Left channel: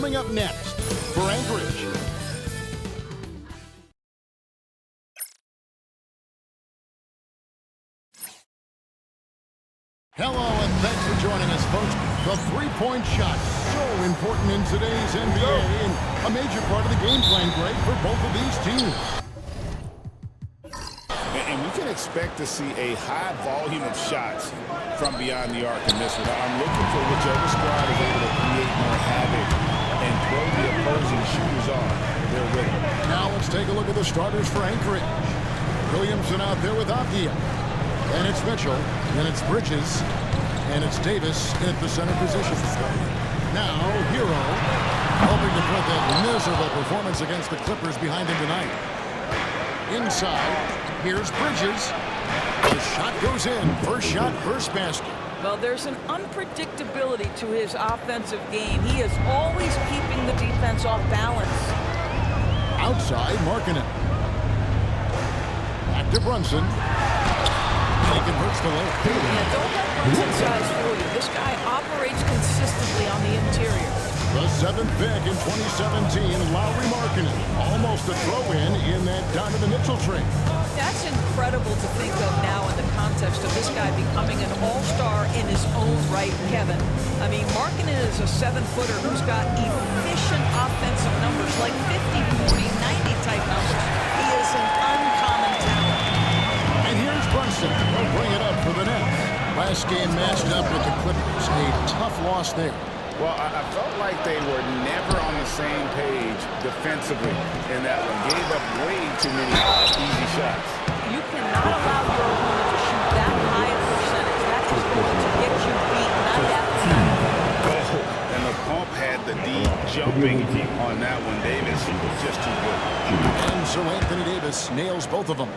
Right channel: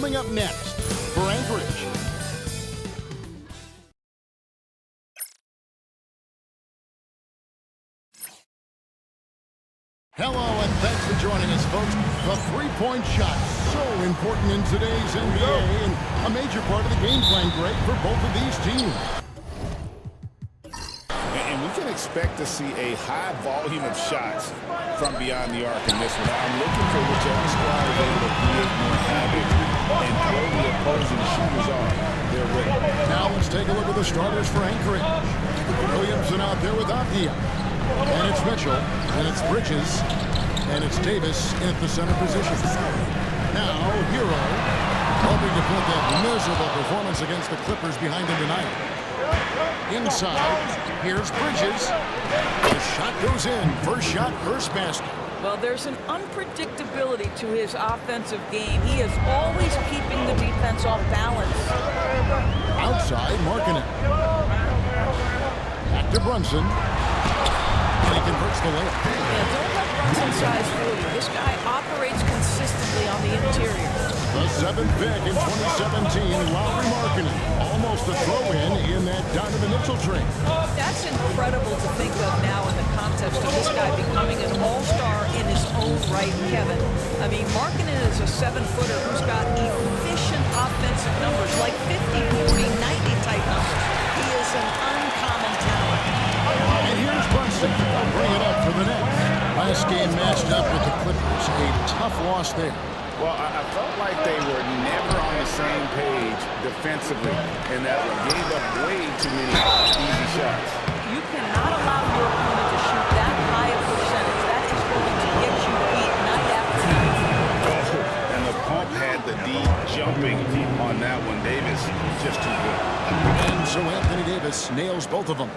coming up next for Anchorage. Hello, and thanks for joining us, folks. The three-point shot, so important in today's NBA, and a major part of the game plan, Greg, for both of these teams. And we can expect to see a high volume of shots from beyond the arc in this one. I'm looking for whichever squad is able to create more havoc and throw the opposing shooters off. They're ready. Now let's take a look at the starters for Anchorage. Williamson out there with Avdia. And it's Mitchell, and it's Bridges, and it's Davis in at the center position. Now, Hero, hoping to put that miserable performance against the Clippers behind him tonight. Inside, here's Bridges. The shot goes in. First shot, first basket. Well, there's an unpredictability to his offensive game. He is always keeping the defense off balance. Outside, Markkanen. Back to Brunson. And he converts the layup. Yeah, don't let Brunson's size fool you. This guy operates consistently on the interior. The seventh pick in 2017, Lowry Markkanen. Almost a throw-in in that Donovan Mitchell trade. That's incredible to think of now in the context of this guy becoming an all-star in his own right, Kevin. I mean, Markkanen is a 7-footer who's got efficient offensive numbers, like 50, 40, 90 type numbers. He is an uncommon talent. And here's Brunson. They'll bring it up for the Nets. Last game matched up with the Clippers. A tough loss there. Well, I felt like they were never on the same page defensively in that one. Gave up way too many easy shots. You cannot allow your opponent to shoot that high a percentage. That is going to get you beat night after night. Oh, and the pump had the D jumping on that one. Davis just too good. And so Anthony Davis nails both of them.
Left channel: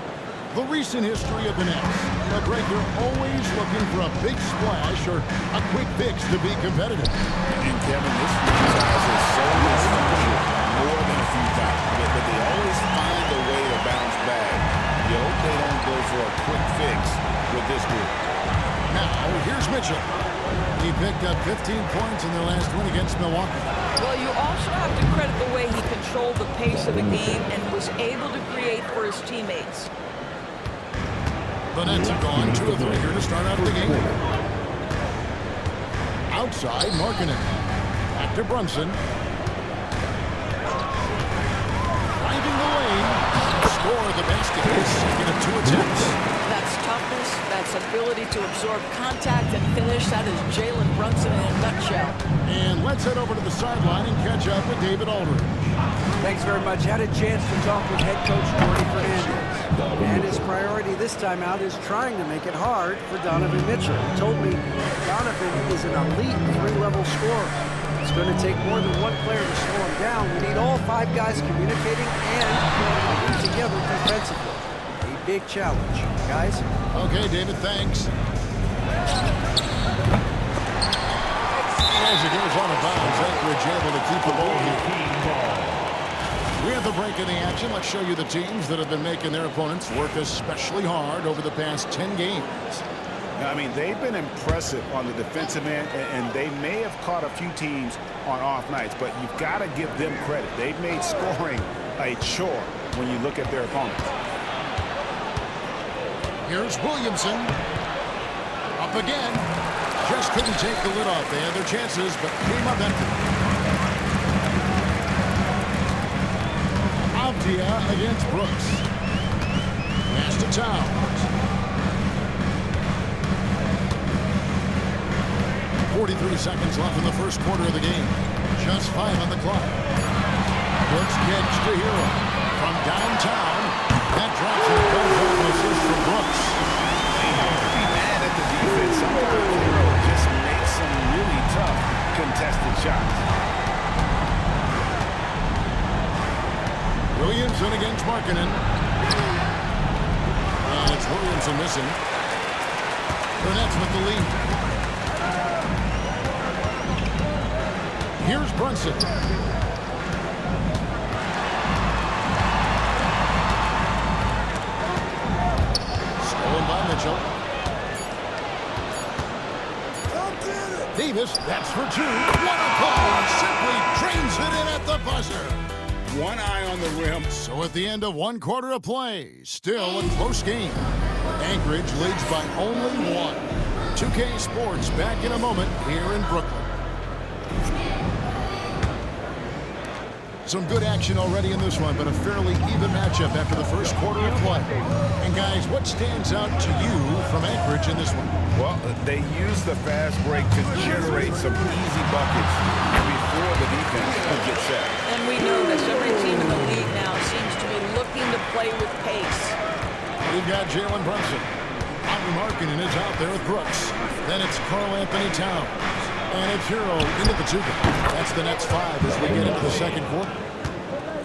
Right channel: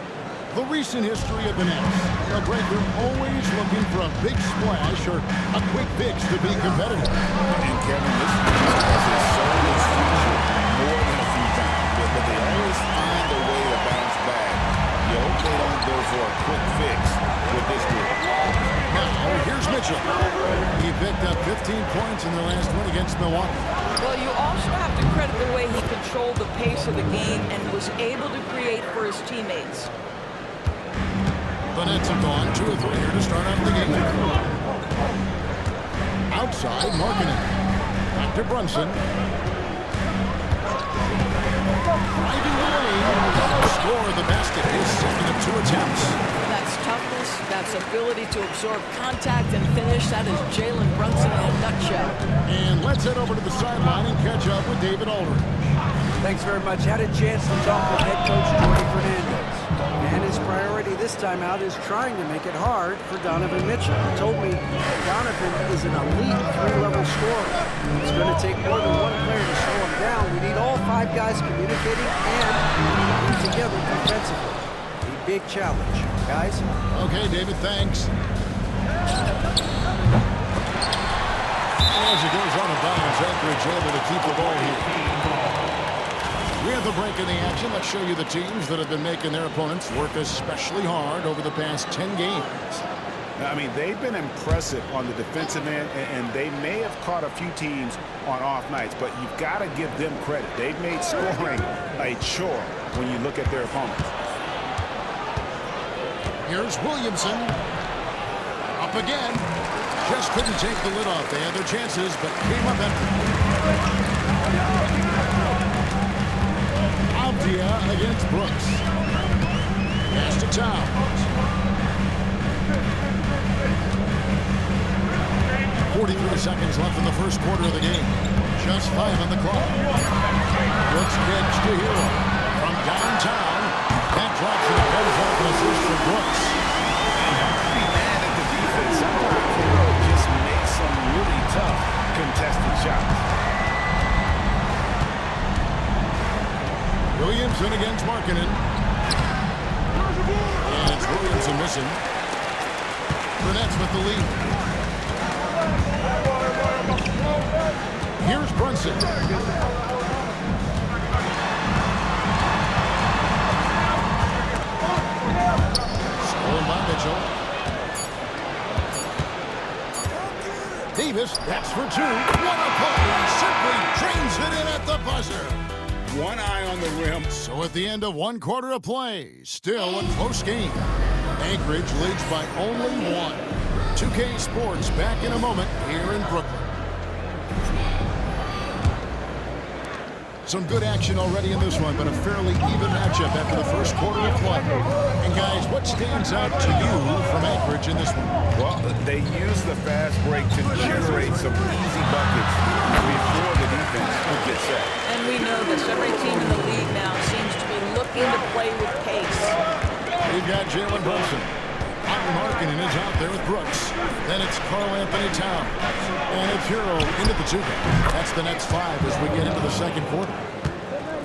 The recent history of the Nets. You know, Greg, they're always looking for a big splash or a quick fix to be competitive. And Kevin, this franchise has sold its future more than a few times. But they always find a way to bounce back. You hope they don't go for a quick fix with this group. Now, here's Mitchell. He picked up 15 points in their last win against Milwaukee. Well, you also have to credit the way he controlled the pace of the game and was able to create for his teammates. The Nets have gone 2 of 3 here to start out the game. Outside, Markkanen. Back to Brunson. Driving the lane. Score the basket. His second of 2 attempts. That's toughness. That's ability to absorb contact and finish. That is Jalen Brunson in a nutshell. And let's head over to the sideline and catch up with David Aldridge. Thanks very much. Had a chance to talk with head coach Jordy Fernandez. And his priority this time out is trying to make it hard for Donovan Mitchell. He told me Donovan is an elite 3-level scorer. It's going to take more than one player to slow him down. We need all 5 guys communicating and working together defensively. A big challenge. Guys? Okay, David, thanks. As it goes on a bounds, Anchorage able to keep the ball here. We have the break in the action. Let's show you the teams that have been making their opponents work especially hard over the past 10 games. I mean, they've been impressive on the defensive end, and they may have caught a few teams on off nights, but you've got to give them credit. They've made scoring a chore when you look at their opponents. Here's Williamson. Up again. Just couldn't take the lid off. They had their chances, but came up empty. Avdia against Brooks. Pass to Towns. 43 seconds left in the first quarter of the game. Just 5 on the clock. Brooks kicks to Hero. From downtown, that drops and it comes off an assist from Brooks. Don't be mad at the defense. Sometimes Hero just makes some really tough contested shots. Williamson against Markkanen. And it's Williamson missing. The Nets with the lead. Here's Brunson. Stolen by Mitchell. Davis, that's for 2. What a play! Simply drains at the buzzer. One eye on the rim. So at the end of 1 quarter of play, still a close game. Anchorage leads by only 1. 2K Sports back in a moment here in Brooklyn. Some good action already in this one, but a fairly even matchup after the first quarter of play. And guys, what stands out to you from Anchorage in this one? Well, they use the fast break to generate some easy buckets before the defense will get set. And we know this. Every team in the league now seems to be looking to play with pace. We've got Jalen Brunson. Henry Markkanen is out there with Brooks. Then it's Karl Anthony Towns. And it's Hero into the 2. That's the Nets 5 as we get into the second quarter.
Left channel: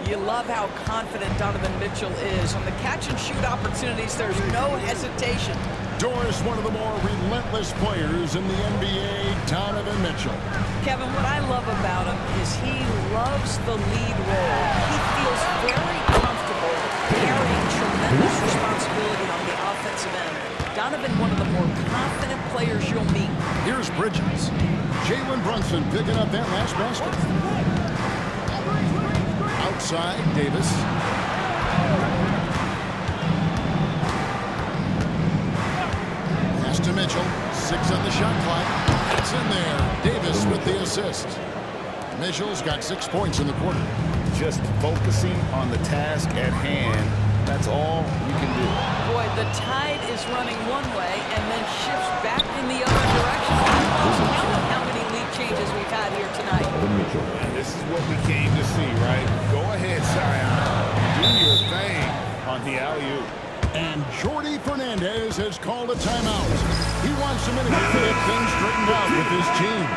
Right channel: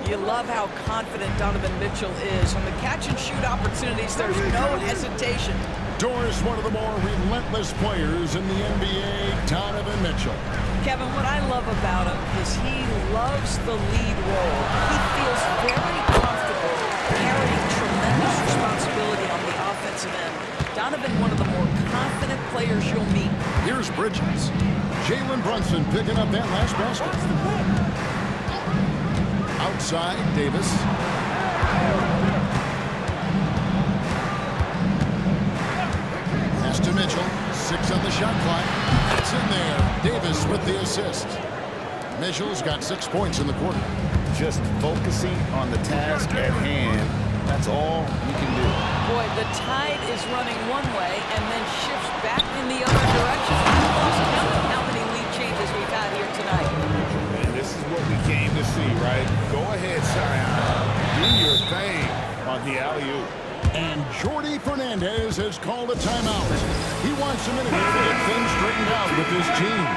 You love how confident Donovan Mitchell is. On the catch-and-shoot opportunities, there's no hesitation. Doris, one of the more relentless players in the NBA, Donovan Mitchell. Kevin, what I love about him is he loves the lead role. He feels very comfortable carrying tremendous responsibility on the offensive end. Donovan, one of the more confident players you'll meet. Here's Bridges. Jalen Brunson picking up that last basket. Outside, Davis. Pass to Mitchell. 6 on the shot clock. It's in there. Davis with the assist. Mitchell's got 6 points in the quarter. Just focusing on the task at hand. That's all you can do. Boy, the tide is running one way and then shifts back in the other direction. I've lost count of how many lead changes we've had here tonight. And this is what we came to see, right? Go ahead, Zion. Do your thing on the alley-oop. And Jordi Fernandez has called a timeout. He wants a minute here to get things straightened out with his team.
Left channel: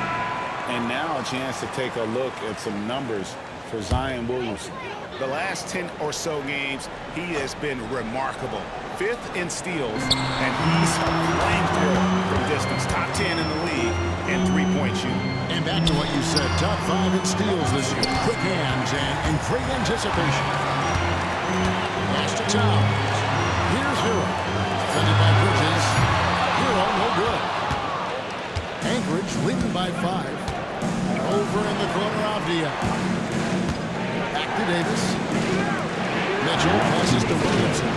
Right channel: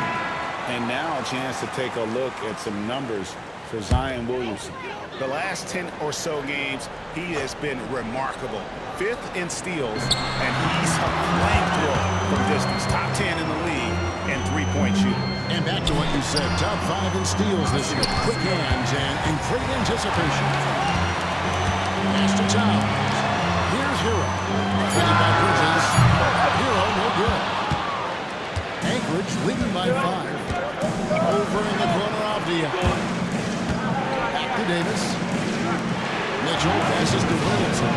And now a chance to take a look at some numbers for Zion Williamson. The last 10 or so games, he has been remarkable. 5th in steals, and he's a flamethrower from distance. Top 10 in the league in three-point shooting. And back to what you said, top 5 in steals this year. Quick hands and great anticipation. Pass to Towns. Here's Hero. Defended by Bridges. Hero, no good. Anchorage leading by 5. Over in the corner, Avdia. Back to Davis. Mitchell passes to Williamson.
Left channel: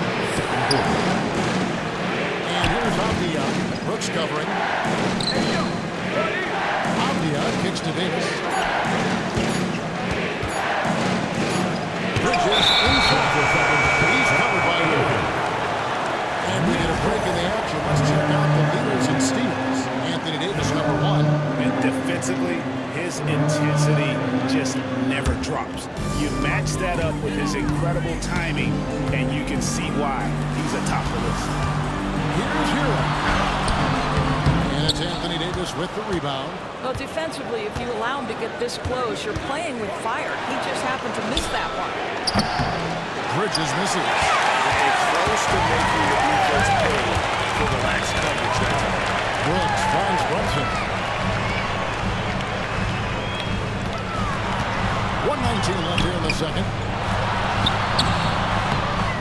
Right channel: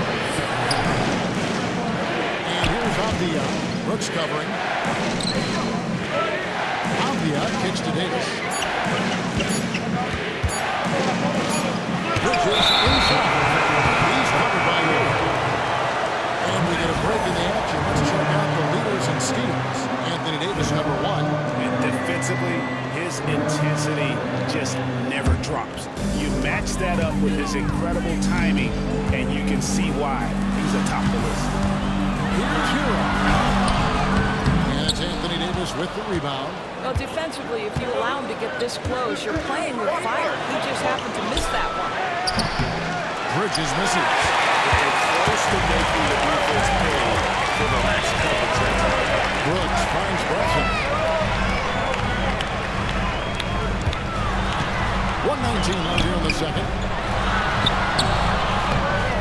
And here's Avdia. Brooks covering. Avdia kicks to Davis. Bridges inside. He's covered by Hero. And we get a break in the action. Let's check out the leaders in steals. Anthony Davis, number 1. And defensively, his intensity just never drops. You match that up with his incredible timing, and you can see why he's atop the list. Here's Hero. And it's Anthony Davis with the rebound. Well, defensively, if you allow him to get this close, you're playing with fire. He just happened to miss that one. Bridges misses. And close to making the defense pay for the lax coverage that time. Brooks finds Brunson. 1:19 left here in the second.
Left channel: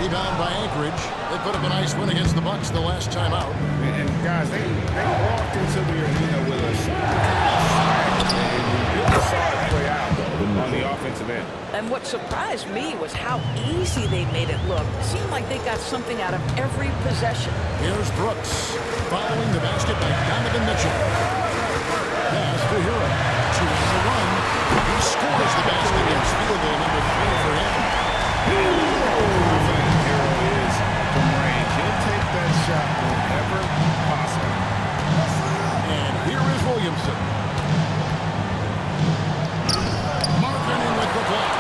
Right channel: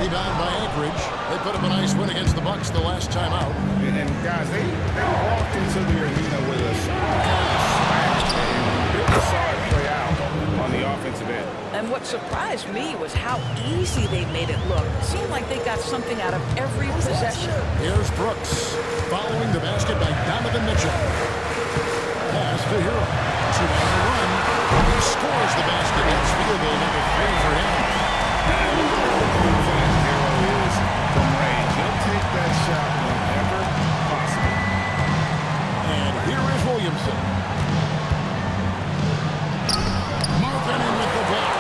Rebound by Anchorage. They put up a nice win against the Bucks the last time out. And guys, they walked into the arena with a kind of swagger, and we really saw it play out on the offensive end. And what surprised me was how easy they made it look. It seemed like they got something out of every possession. Here's Brooks following the basket by Donovan Mitchell. Pass to Hero. 2 on the run. He scores the basket. It's field goal number 3 for him. And look at how confident Hero is from range. He'll take that shot whenever possible. And here is Williamson. Markkanen with the block.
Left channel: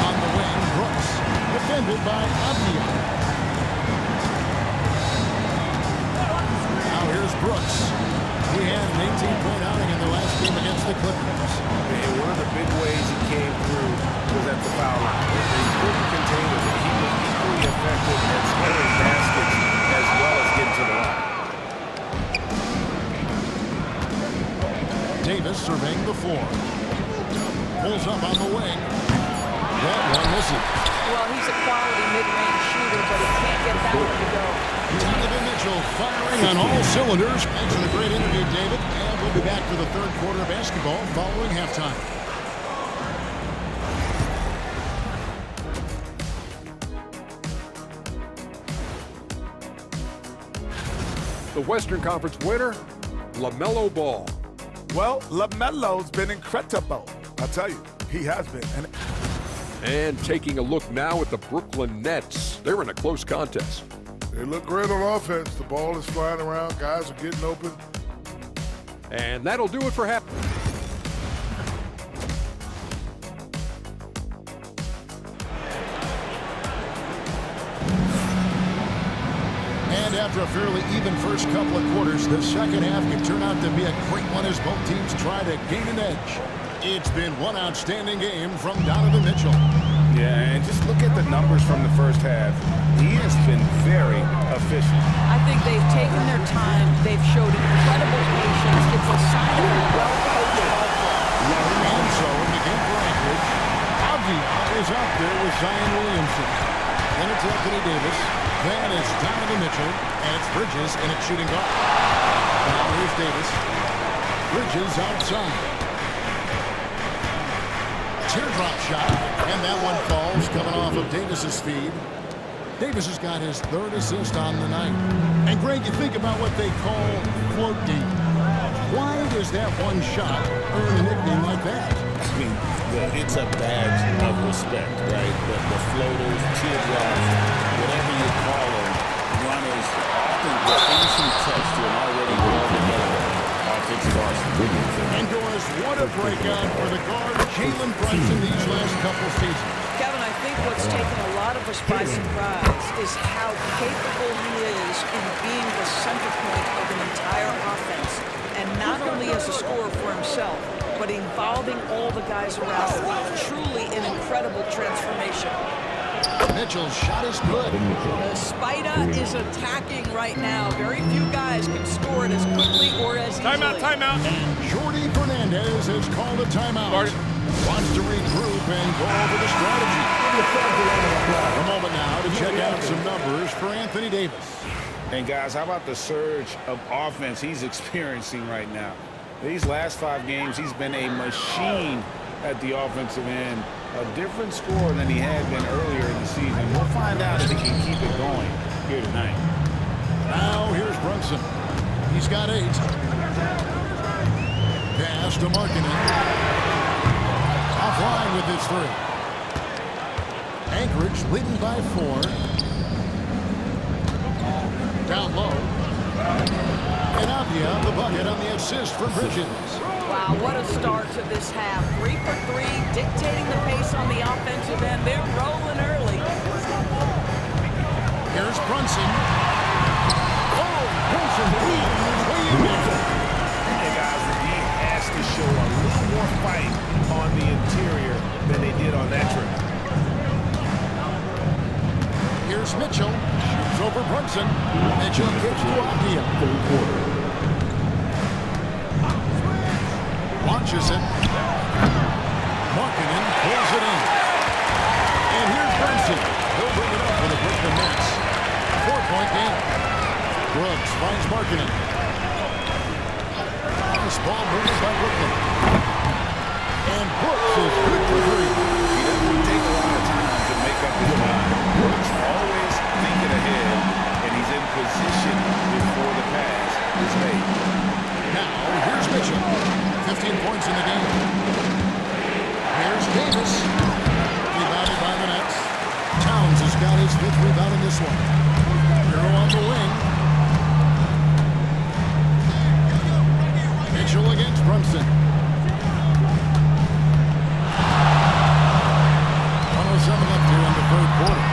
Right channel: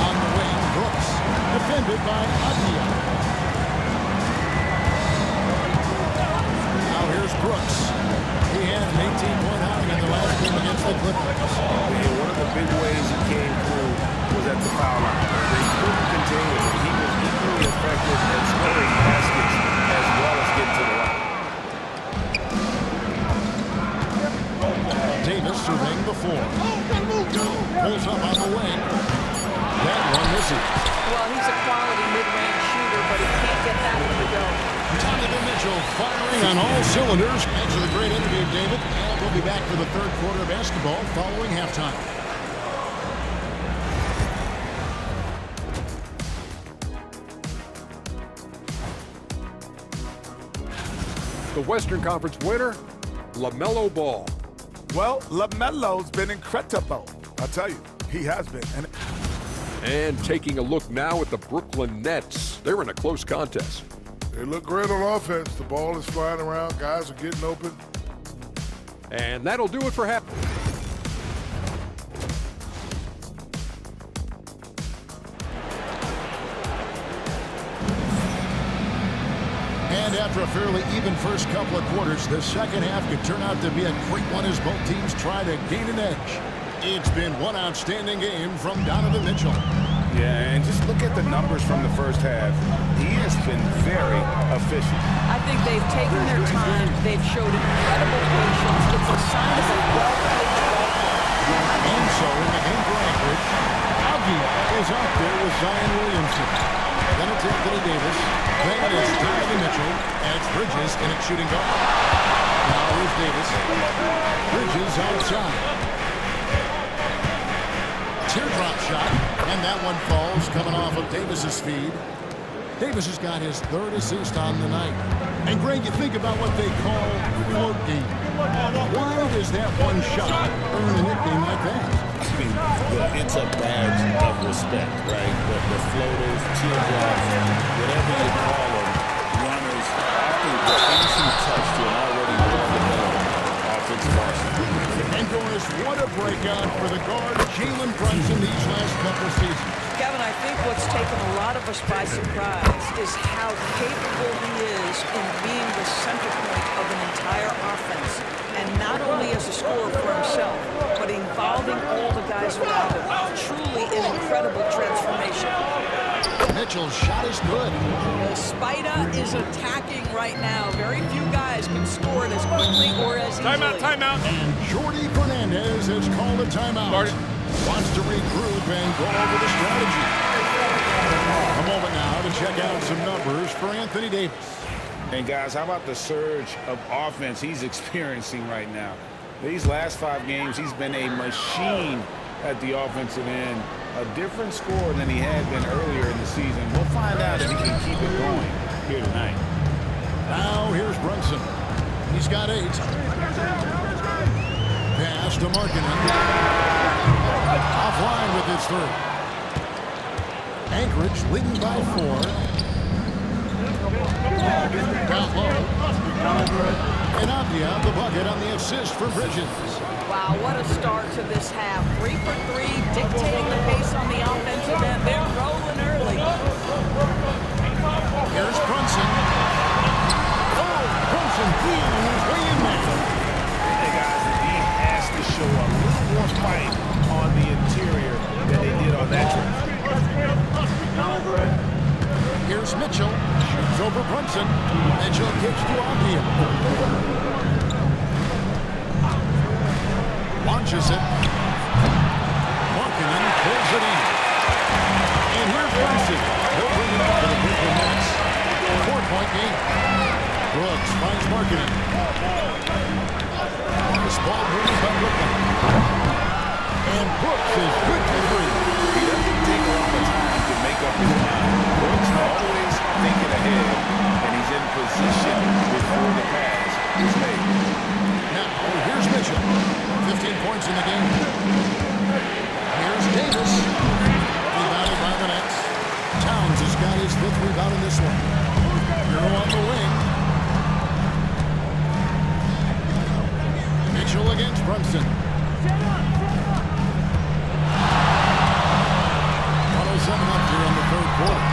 On the wing, Brooks. Defended by Avdia. Now here's Brooks. He had an 18-point outing in the last game against the Clippers. And one of the big ways he came through was at the foul line. They couldn't contain him, but he was equally effective at scoring baskets as well as getting to the line. Davis surveying the floor. Pulls up on the wing. That one misses. Well, he's a quality mid-range shooter, but he can't get that one to go. Donovan Mitchell firing on all cylinders. Thanks for the great interview, David. And we'll be back for the third quarter of basketball following halftime. The Western Conference winner, LaMelo Ball. Well, LaMelo's been incredible. I'll tell you, he has been. And taking a look now at the Brooklyn Nets. They're in a close contest. They look great on offense. The ball is flying around. Guys are getting open. And that'll do it for half. And after a fairly even first couple of quarters, the second half could turn out to be a great one as both teams try to gain an edge. It's been one outstanding game from Donovan Mitchell. Yeah, and just look at the numbers from the first half. He has been very efficient. I think they've taken their time. They've showed incredible patience. It's a sign of a well-coached ball club. And so in the game for Anchorage, Avdia is out there with Zion Williamson. Then it's Anthony Davis. Then it's Donovan Mitchell. And it's Bridges in its shooting guard. Now here's Davis. Bridges outside. Teardrop shot, and that one falls coming off of Davis's feed. Davis has got his third assist on the night. And Greg, you think about what they call float game. Why does that one shot earn a nickname like that? I mean, it's a badge of respect, right? The floaters, teardrops, whatever you call them, runners, often the finishing touch to an already well-developed offensive arsenal. And Doris, what a breakout for the guard Jalen Brunson these last couple seasons. Kevin, I think what's taken a lot of us by surprise is how capable he is in being the center point of an entire offense. And not only as a scorer for himself, but involving all the guys around him. Truly an incredible transformation. Mitchell's shot is good. The Spider is attacking right now. Very few guys can score it as quickly or as easily. Timeout. And Jordy Fernandez has called a timeout. Wants to regroup and go over the strategy. A moment now to check out some numbers for Anthony Davis. And guys, how about the surge of offense he's experiencing right now? These last 5 games, he's been a machine at the offensive end. A different score than he had been earlier in the season. We'll find out if he can keep it going here tonight. Now here's Brunson. He's got 8. Pass to Markkanen. Offline with his 3. Anchorage leading by 4. Down low. And Avdia the bucket on the assist for Bridges. Wow, what a start to this half. 3 for 3, dictating the pace on the offensive end. They're rolling early. Here's Brunson. Oh, Brunson wheeling his way in there. Hey guys, the D has to show a little more fight on the interior than they did on that trip. Here's Mitchell. Shoots over Brunson. Mitchell kicks to Avdia. Launches it. Markkanen pulls it in. And here's Brunson. He'll bring it up for the Brooklyn Nets. 4-point game. Brooks finds Markkanen. Nice ball movement by Brooklyn. And Brooks is good for 3. He doesn't take a lot of time to make up his mind. Brooks always thinking ahead, and he's in position before the pass is made. Now, here's Mitchell. 15 points in the game. Here's Davis. Rebounded by the Nets. Towns has got his 5th rebound in this one. Hero on the wing. Mitchell against Brunson. 107 left here in the third quarter.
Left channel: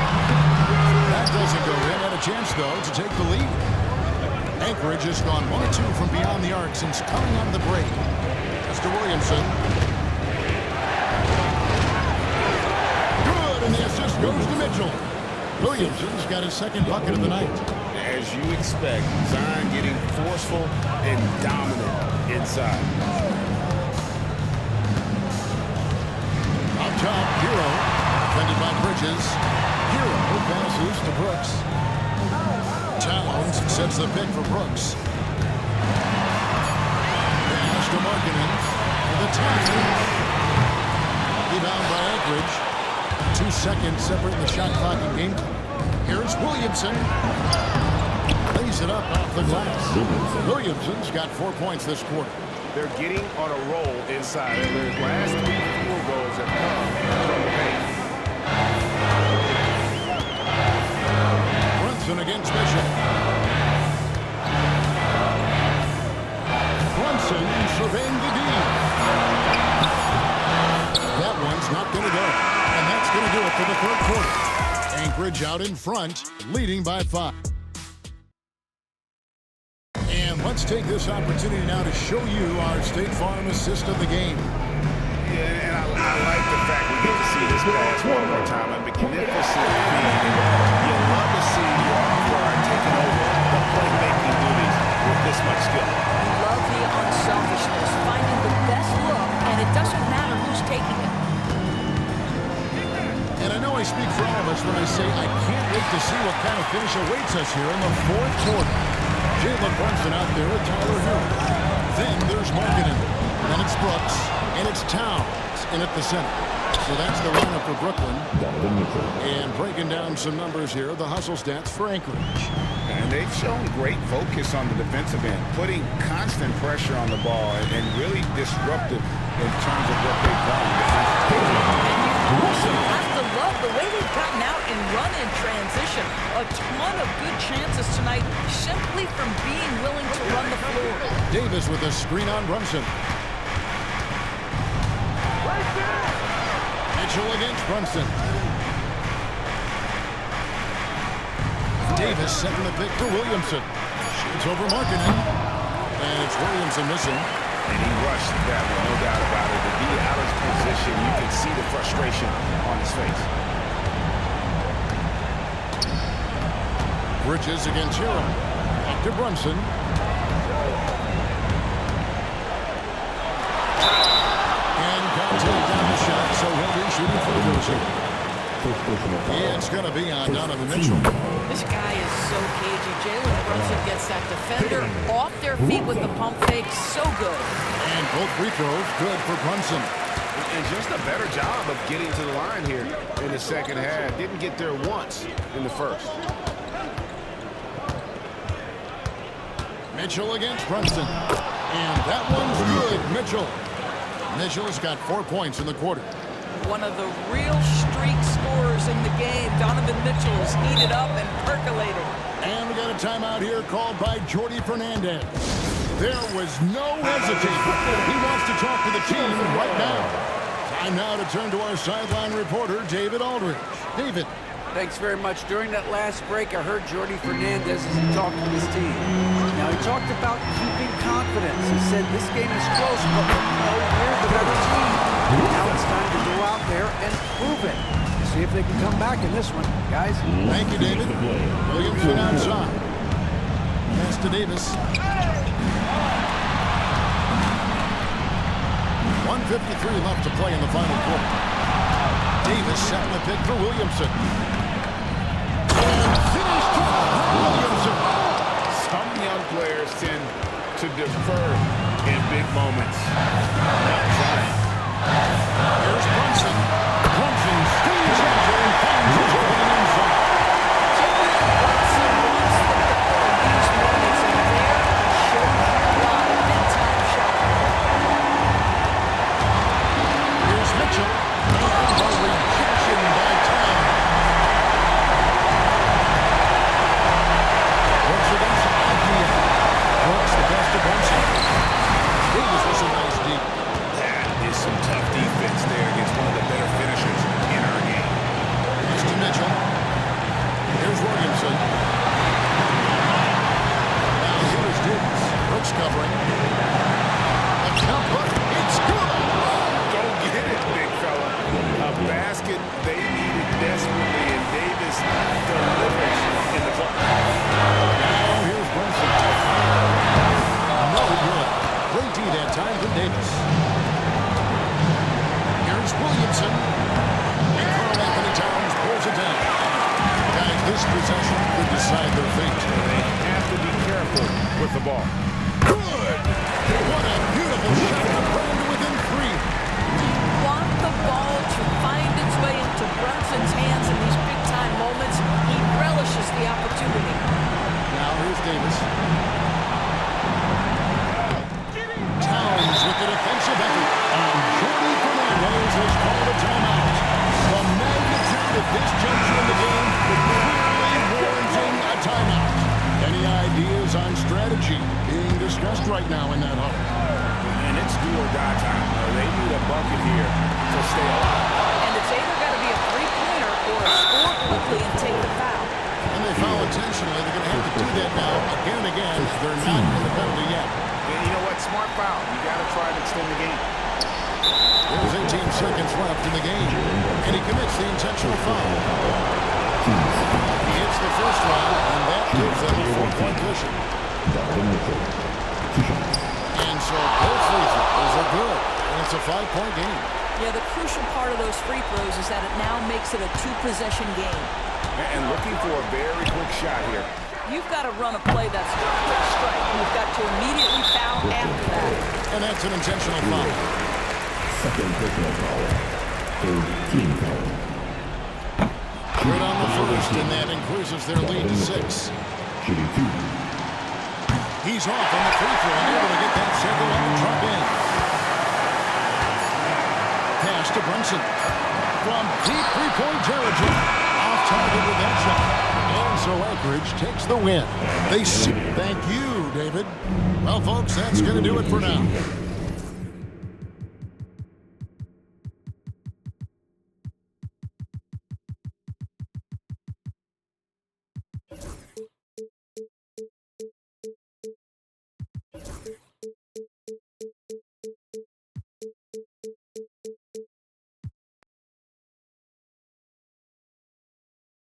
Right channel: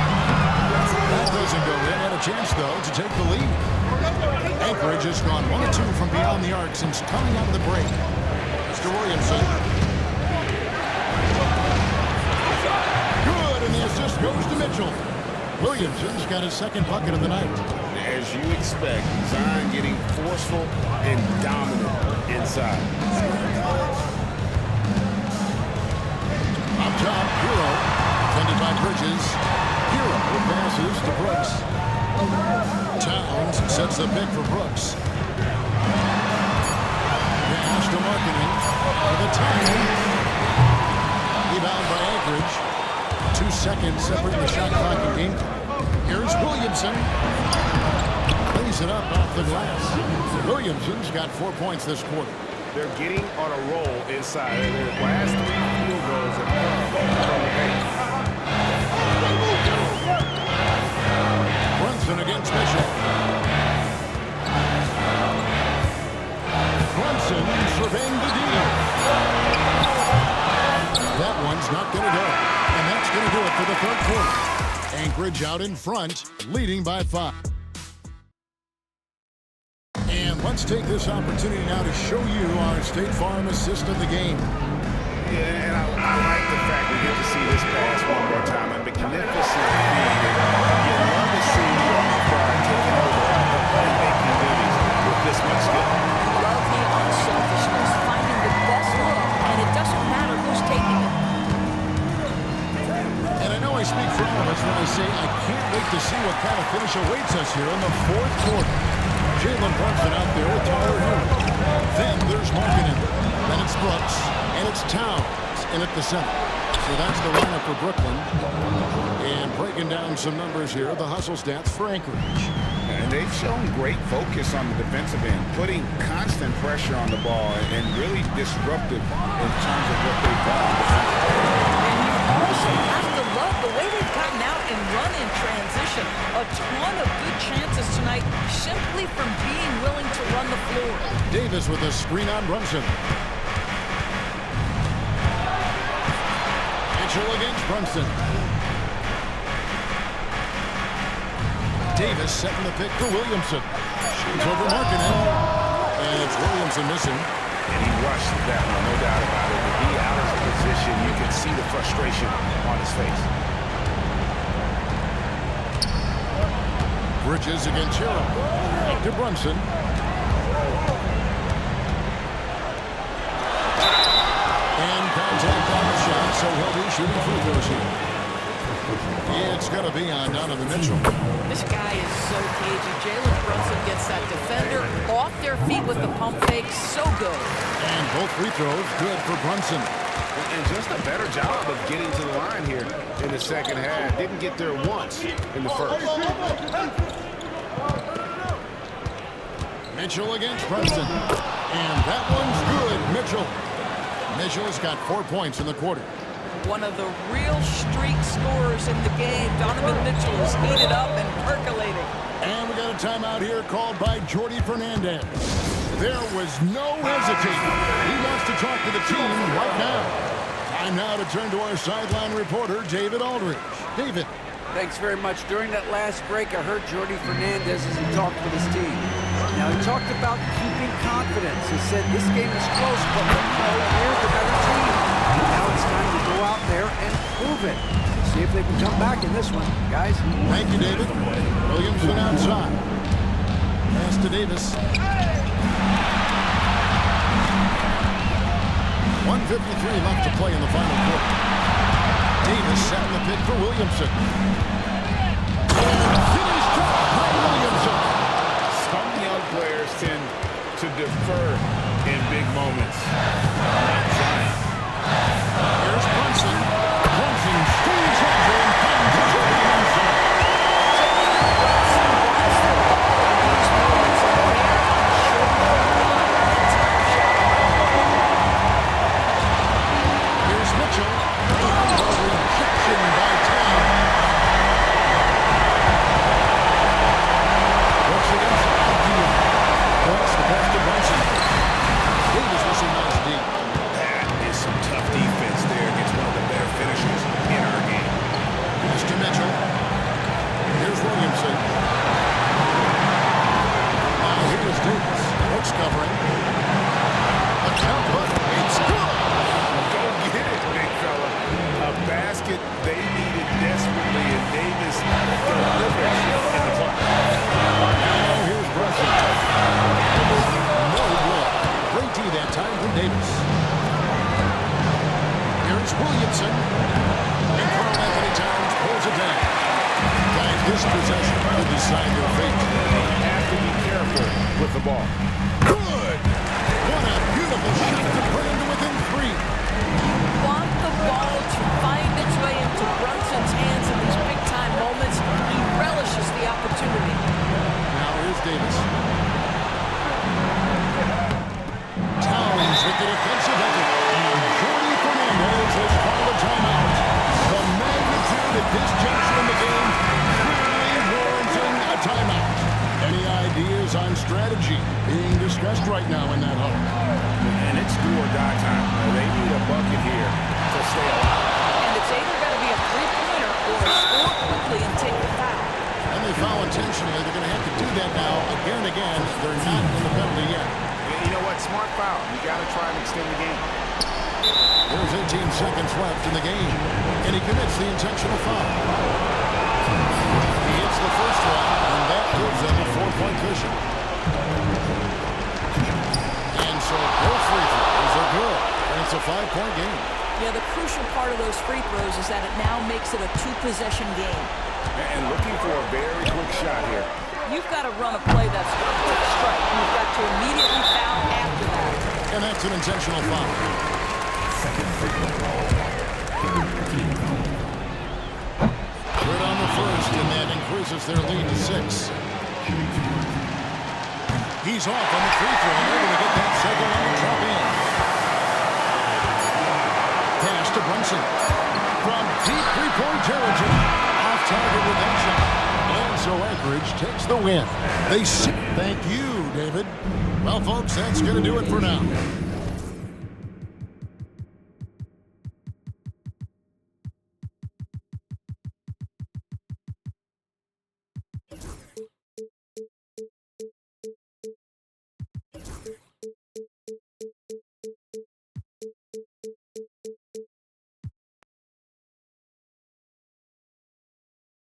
That doesn't go in. Had a chance, though, to take the lead. Anchorage has gone 1 of 2 from beyond the arc since coming out of the break. Mr. Williamson. Good, and the assist goes to Mitchell. Williamson's got his 2nd bucket of the night. As you expect, Zion getting forceful and dominant inside. Up top, Hero. Defended by Bridges. Hero passes to Brooks. Towns sets the pick for Brooks. Pass to Markkanen for the tie. Rebound by Anchorage. 2 seconds separating the shot clock and game clock. Here's Williamson. Lays it up off the glass. Williamson's got 4 points this quarter. They're getting on a roll inside. Their last 3 field goals have come from the paint. Brunson against Mitchell. Brunson surveying the D. That one's not going to go. And that's going to do it for the third quarter. Anchorage out in front, leading by 5. And let's take this opportunity now to show you our State Farm assist of the game. Yeah, and I like the fact we get to see this pass one more time. A magnificent feed, and you love to see your off-guard taking over the playmaking duties with this much skill. You love the unselfishness, finding the best look, and it doesn't matter who's taking it. And I know I speak for all of us when I say I can't wait to see what kind of finish awaits us here in the fourth quarter. Jalen Brunson out there with Tyler Hero. Then there's Markkanen. Then it's Brooks. And it's Towns in at the center. So that's the lineup for Brooklyn. And breaking down some numbers here, the hustle stats for Anchorage. And they've shown great focus on the defensive end, putting constant pressure on the ball and really disruptive in terms of what they've done defensively. And you also have to love the way they've gotten out and run in transition. A ton of good chances tonight simply from being willing to run the floor. Davis with a screen on Brunson. Mitchell against Brunson. Davis setting the pick for Williamson. Shoots over Markkanen. And it's Williamson missing. And he rushed that one, no doubt about it. The D out of position, you can see the frustration on his face. Bridges against Hero. Back to Brunson. And contact on the shot, so he'll be shooting free throws here. It's going to be on Donovan Mitchell. This guy is so cagey. Jalen Brunson gets that defender off their feet with the pump fake. So good. And both free throws good for Brunson. And just a better job of getting to the line here in the second half. Didn't get there once in the first. Mitchell against Brunson. And that one's good, Mitchell. Mitchell's got 4 points in the quarter. One of the real streak scorers in the game. Donovan Mitchell is heated up and percolating. And we got a timeout here called by Jordy Fernandez. There was no hesitating. He wants to talk to the team right now. Time now to turn to our sideline reporter, David Aldridge. David. Thanks very much. During that last break, I heard Jordy Fernandez as he talked with his team. Now, he talked about keeping confidence. He said this game is close, but we're the better team. Now it's time to go out there and prove it. See if they can come back in this one, guys. Thank you, David. Williamson outside. Pass to Davis. 1:53 left to play in the final quarter. Davis setting the pick for Williamson. Finished off by Williamson. Some young players tend to defer in big moments. Not Zion. Here's Brunson. Brunson stays agile and finds his opening inside. Jalen Brunson wants the ball in these moments, and there he shows you why. Big-time shot. Here's Mitchell. And the rejection by Towns. Brooks against Avdia. Brooks the pass to Brunson. Davis with some nice deep. That is some tough defense there against one of the better finishers in our game. Pass to Mitchell. Here's Williamson. Now here is Davis. Brooks covering. A count, but it's good. Go get it, big fella. A basket they needed desperately, and Davis delivers in the clutch. Now here's Brunson. No good. Great D that time from Davis. Here's Williamson. And Carl Anthony it down. Guys, this possession could decide their fate. They have to be careful with the ball. Good! What a beautiful shot to bring him to within 3. You want the ball to find its way into Brunson's hands in these big-time moments. He relishes the opportunity. Now here's Davis. Towns with the defensive effort. And Jordy Fernandez has called a timeout. The magnitude at this juncture in the game clearly warranting a timeout. Any ideas on strategy being discussed right now in that huddle? And it's do or die time. They need a bucket here to stay alive. And it's either got to be a three-pointer or score quickly and take the foul. And they foul intentionally. They're going to have to do that now again and again. They're not in the penalty yet. You know what? Smart foul. You got to try and extend the game. There's 18 seconds left in the game. And he commits the intentional foul. He hits the first one, and that gives them a 4-point cushion. And so both free throws are good. And it's a 5-point game. Yeah, the crucial part of those free throws is that it now makes it a 2-possession game. And looking for a very quick shot here. You've got to run a play that's a quick strike. You've got to immediately foul after that. And that's an intentional foul. Second personal foul. Third team foul. Good on the first, and that increases their lead to 6. Shooting 2. He's off on the free throw and able to get that second one to drop in. Pass to Brunson. From deep three-point territory. Off target with that shot. And so Anchorage takes the win. Thank you, David. Well, folks, that's going to do it for now.